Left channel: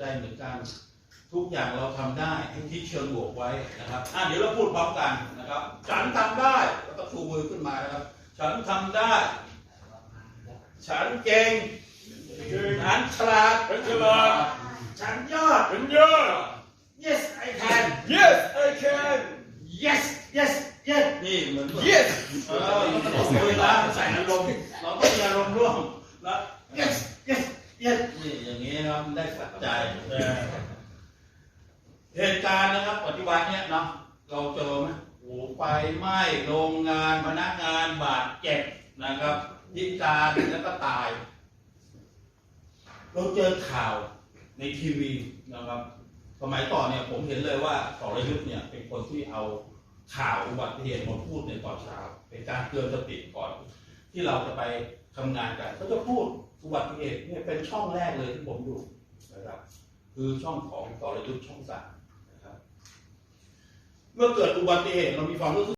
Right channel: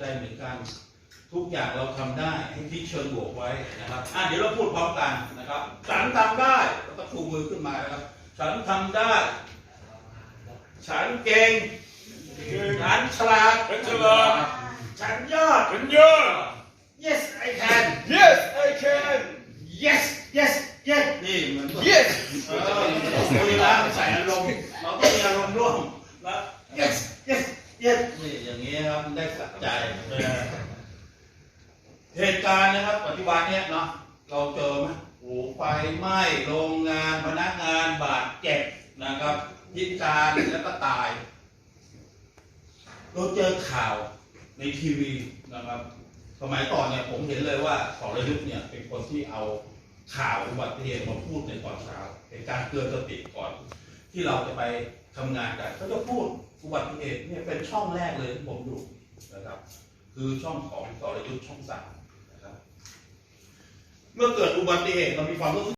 ได้เหมือนกัน ทุกอย่างเราทำได้ให้คิดเชิงบวกไว้นะครับอะเดี๋ยวเราพูดพร้อมกันนะครับฉันทำได้แล้วก็ชูมือขึ้นมานะครับ ฉันทำได้ ฉันเก่งฉันฉลาดฉันฉลาดฉันยอดฉันยอด yes I can Yes I can yes yes yes นี่เหมือน Yes เออมันต้องคุยแล้วใส่อารมณ์เราต้องมีอารมณ์ร่วมนะ yes yes yes นี่อย่างนี้ครับได้สัใจเออเหตุการณ์นะครับปัจจุบันเนี้ยเนาะเราเจอไหมโอ้ไฟไหม้โรงงานพนักงานบาดเจ็บนะครับยิงการแล้วก็ตาย เราเจอข่าวในทีวีนะครับสมัยก่อนเนี่ยผมเห็นเลยว่าสรยุทธ์เนี่ยเป็นคนที่เอาข่าวอุบัติเหตุมาพูดในตอนเช้าเป็นการเตือนสติก่อน ที่เราจะไปทำงานกันก็จะพูดอุบัติเหตุเนี่ยเป็นช่องแรกเลยที่ผมดูนะครับ คือช่องของต่อรยุทธ์ช่องสามนะครับ เมื่อเกิดอุบัติเหตุเรามีความรู้สึก